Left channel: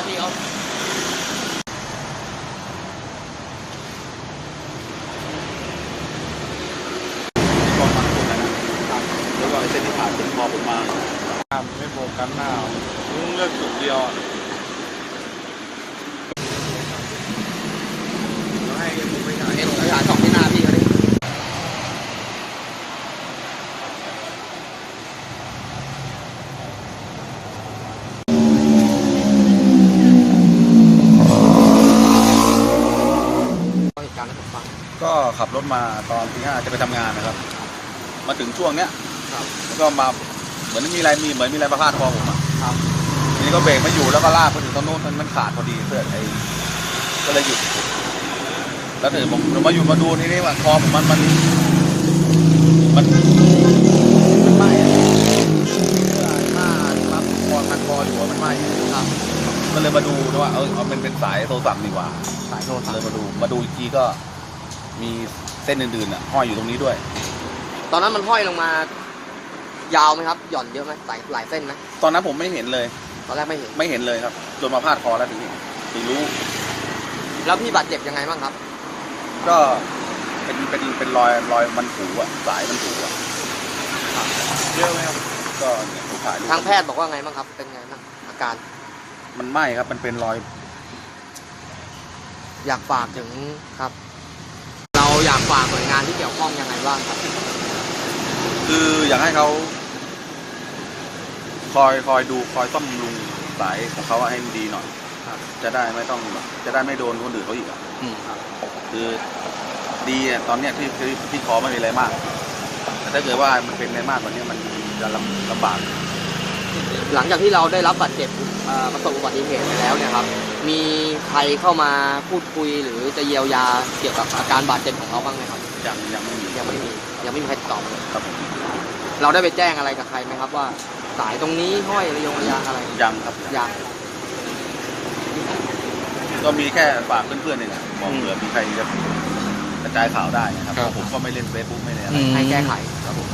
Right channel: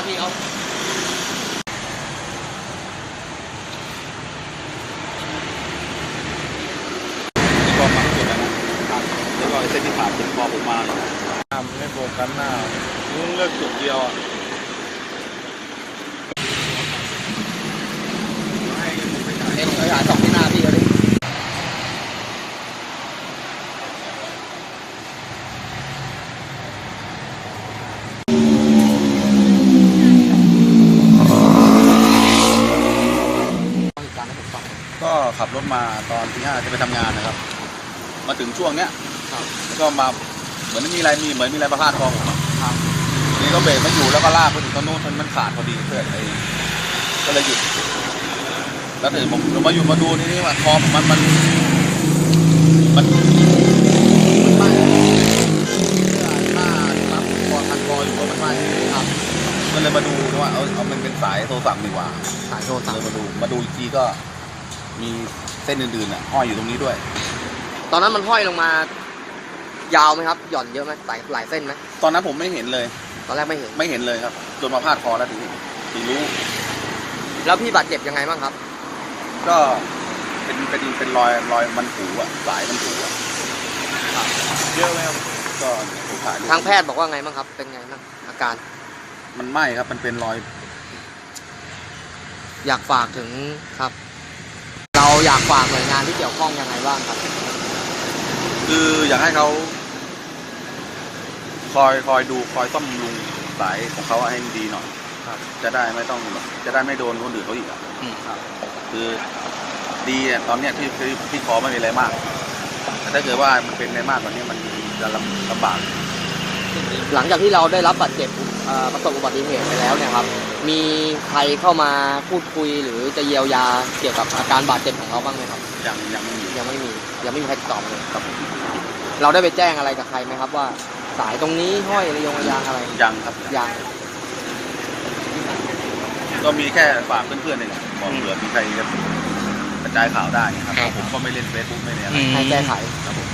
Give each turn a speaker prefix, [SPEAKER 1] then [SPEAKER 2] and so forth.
[SPEAKER 1] พที่เขา
[SPEAKER 2] ที่กองหมักสุดนะครับแล้วก็เส้นที่ผ่านผมมองผมมา
[SPEAKER 3] ไม่โฟกัสหน้า
[SPEAKER 2] เลือกจุดเดียว
[SPEAKER 3] ให้เดี๋ยวผมไปถ่าย
[SPEAKER 1] เดี๋ยวผมไปหาสองที่หน้าพี่เขาดิ เหตุการณ์ให้ผมฟัง
[SPEAKER 2] ก็ขับรถมาตอนที่ห้าจะไปทำงานนะครับ มาถึงช่วงเนี้ยแล้วก็มาเหมือนมีอะไรมีเหมือนมีอะไรประพาดคอผมอะทีนี้ก็เบรกไม่อยู่แล้วก็ลากไปถึงตรงนู้นมันขาดพอดีเพื่อนไอ้ก็เลยหยุด แล้วถึงผมมาหยุดมาดูนี่นี่ว่าคอผมมันมันมันมันไหม้อะเสื้อไอ้ผ้าที่มัดคอพันคออยู่อะมันไหม้ก็เลยมาดูนะว่าเออเอามันเป็นสายโทรศัพท์ดีกว่า
[SPEAKER 1] สายโทรศัพ
[SPEAKER 2] เลย
[SPEAKER 1] ท์
[SPEAKER 2] มาดูมาดูอีกทีก็ มีเส้นอื่นๆอะห้อยอยู่ตรงนี้ด้วย
[SPEAKER 1] ตอนนั้นมันห้อยลงมา ยาวไหมครับ หย่อนเยอะไหมหลายหลายเส้นไหม
[SPEAKER 2] ตอนนั้นผมไม่เห็นเลย
[SPEAKER 1] ตอนแรกไม่เห็น
[SPEAKER 2] ไม่เห็นเลยครับจนมาพาดคอแล้วถึงถึงรู้
[SPEAKER 1] แล้วพี่บาดเจ็บยังไงบ้างครับ
[SPEAKER 2] ก็เป็นเป็นเป็นรอยรอยมันผูอะสายมันผูอะ
[SPEAKER 3] เยอะไหมครับ
[SPEAKER 2] ก็เนี่ยถูกถ่ายรูป
[SPEAKER 1] ทางแพทย์บอกว่าไงบ้างครับ เป็นไงบ้างอาการ
[SPEAKER 2] มันไหม้ครับ มันเป็นรอย
[SPEAKER 1] อยากฝากถึงครับเรา อยากฝากหน่วยงานที่เกี่ยวข้องยังไงบ้างครับ
[SPEAKER 2] คืออยากให้เขาคอยคอยดูคอยซ่อมบำรุงสายของเขาให้ดีหน่อย
[SPEAKER 1] ครับ
[SPEAKER 2] จะได้ไม่ต้องแบบจะได้ไม่โดนคนอื่นเขาอีกอะคือดีอะตอนเนี้ยที่ที่ที่คอไม่มีอะไรมาก แต่ถ้าเกิดว่ามันเป็นอะไรมากกว่านี้มันมันจะลำลำบาก
[SPEAKER 1] หลังจากที่เราได้รับบาดเจ็บเอ่อ ประสบอุบัติเหตุไปแล้วเนี่ยครับ มีใครเข้ามาพูดคุยหรือจะเยียวยาเกี่ยวกับอาการบาดเจ็บของเขาบ้างไหมครับ
[SPEAKER 2] ยังยังไม่มี
[SPEAKER 1] ยังไม่มียังไม่มีใครติดต่อมาเลย
[SPEAKER 2] ครับผม
[SPEAKER 1] เราได้ไปแจ้งอะไรกับใครไหมครับว่า สายตรงนี้ห้อยระยงระยางอะไร
[SPEAKER 2] ยังครับยัง
[SPEAKER 1] ยัง
[SPEAKER 2] ก็มีแค่ฝากเพื่อนๆนี่แหละบอกเผื่อมีใครจะกระจายข่าวได้นะครับเพราะผมก็ไม่เล่นเฟซบุ๊กไม่เล่นอะไร
[SPEAKER 1] ให้แก้ไข
[SPEAKER 2] ครับผม